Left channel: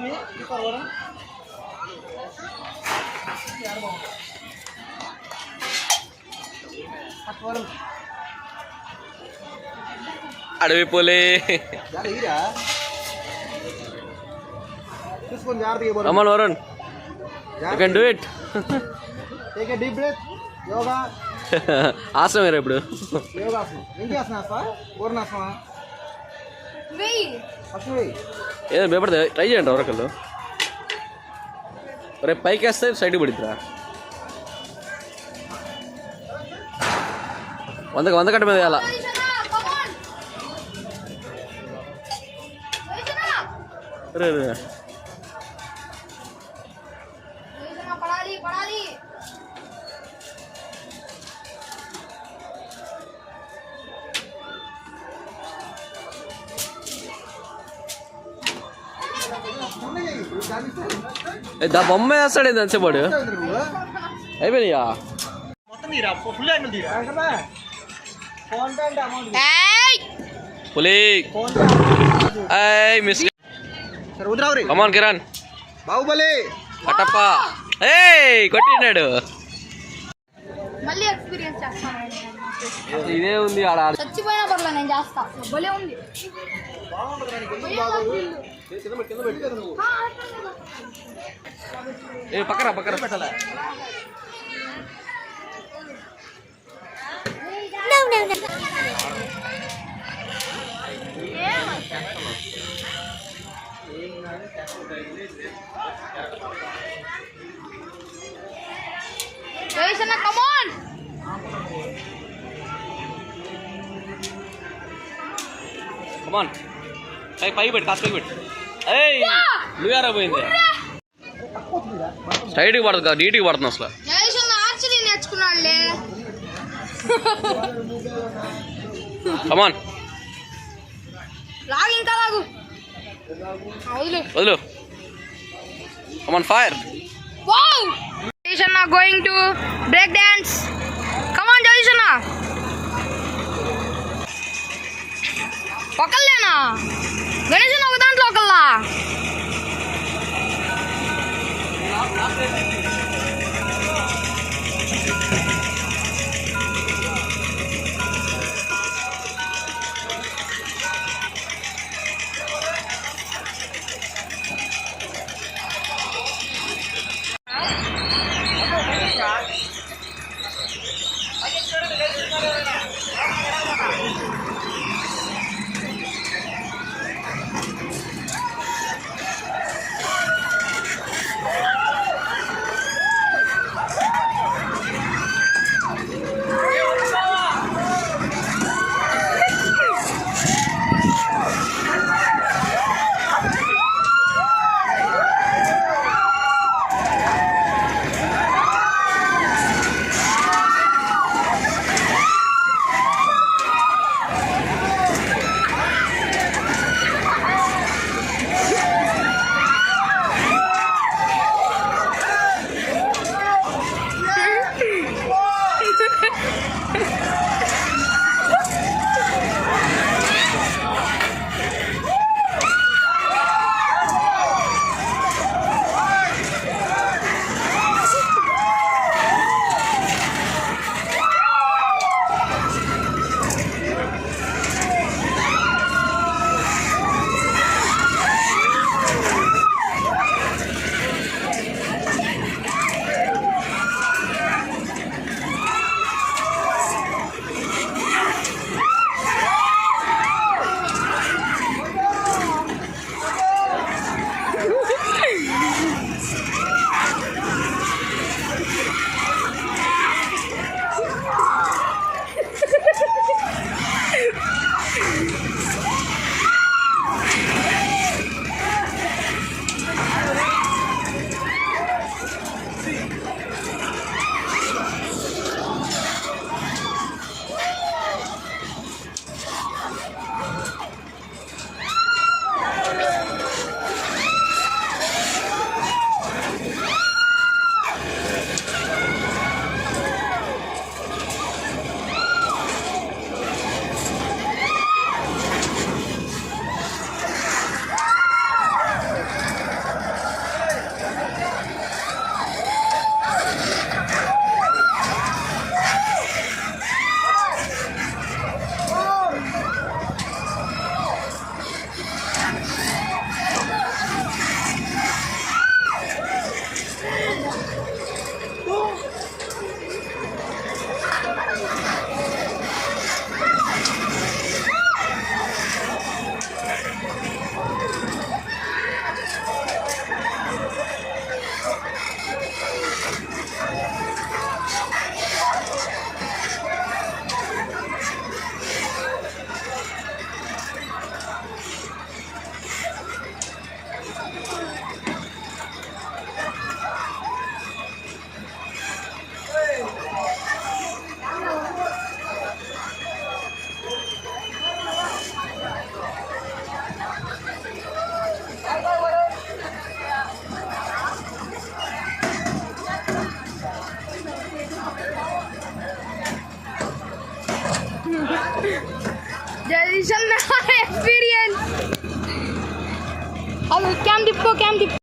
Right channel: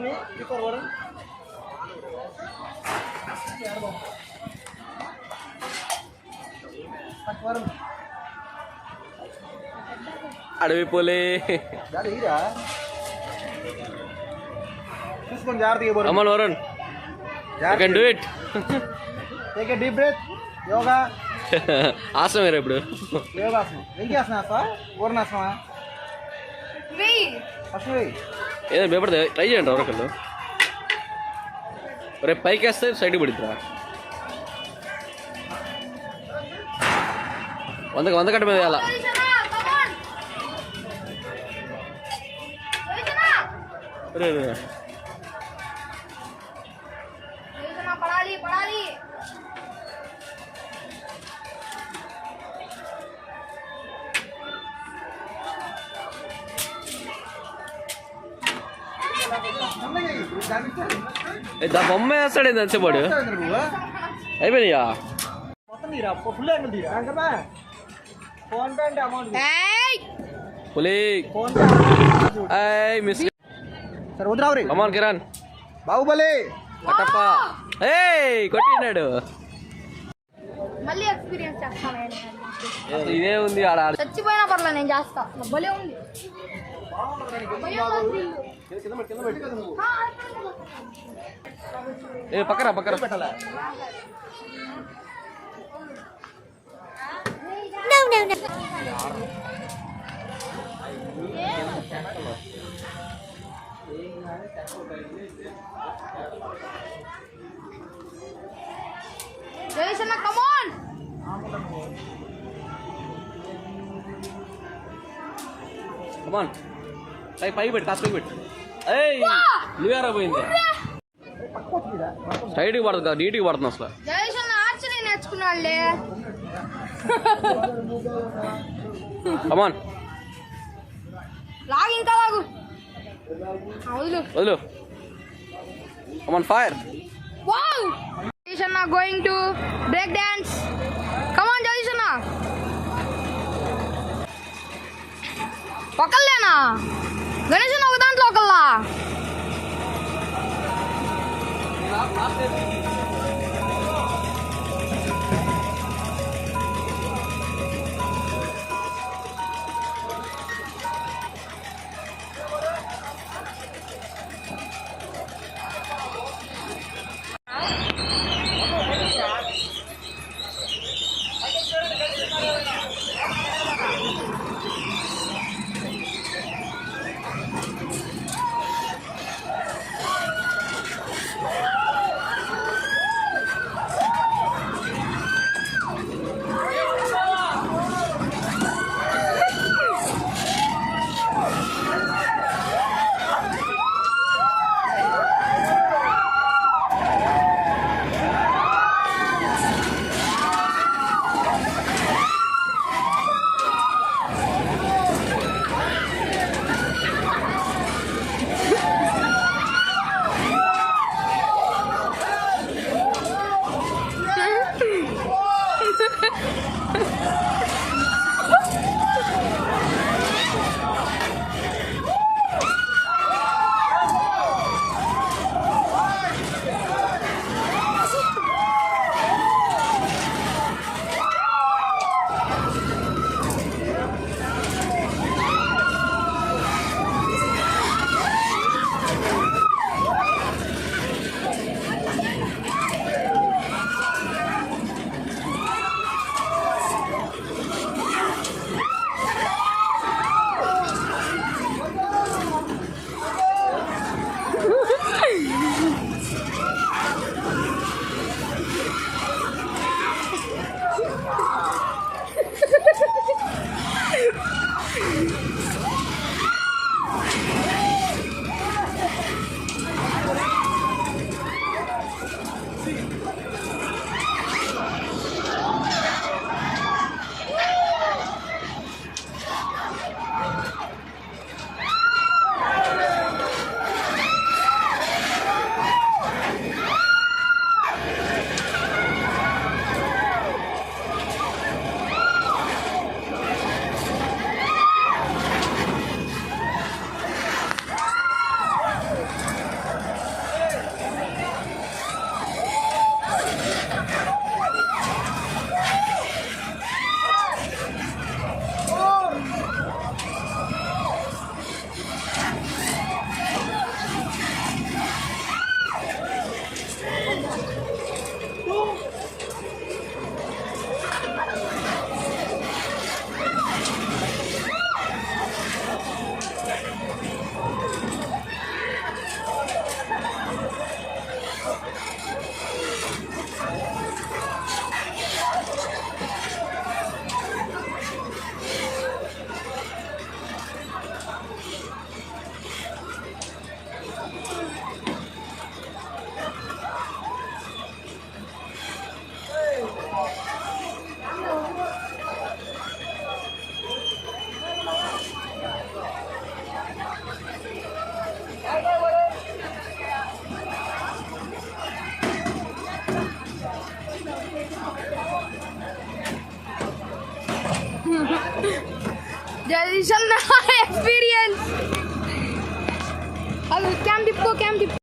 me. Keep our one. అడవి పోలే come on Varun, you can do it. Take a deep breath. Yoga. ఆసనం వేరే ఇప్పుడు యోగా ఆసనం ఏంటి ఆసనం ఆసనం పూర్ణాసనం ఏదో భయపడితే ట్రై చేయండి ఎవరొకళ్ళు రేపు పైకి వేస్తే సైడ్కి పడిద్దిరా 100 కట్ట మీద వేయాలా దా బొమ్మ వేస్తాడు ఎంతసేపాడు అయిపోయినాయా పులి మిస్ కమాన్ కిరణ్ బాహుబలి కట్టప్ప ఏయ్ కొట్టినాడు మళ్ళీ ఎక్స్పీరియన్స్ చేస్తాను ఇదే ఉంది ఆడ చచ్చిపోయినా పర్లేదు నేను చేస్తా భలే ఉంది ఏ పక్కన పెట్టాలా కమాన్ పై పెట్టు కాస్త పై పెట్టు ఏయ్ నువ్వేరా పోయింది స్ట్రైట్కి పడదు కదా నీట్గా పడుతుంది అసలు కమాన్ వదులు come on fire going to break dance come on Jagadish ఒకళ్ళేనా గణేష్ ఒక దాంట్లో ఒకళ్ళా there is an experience. Cam dip.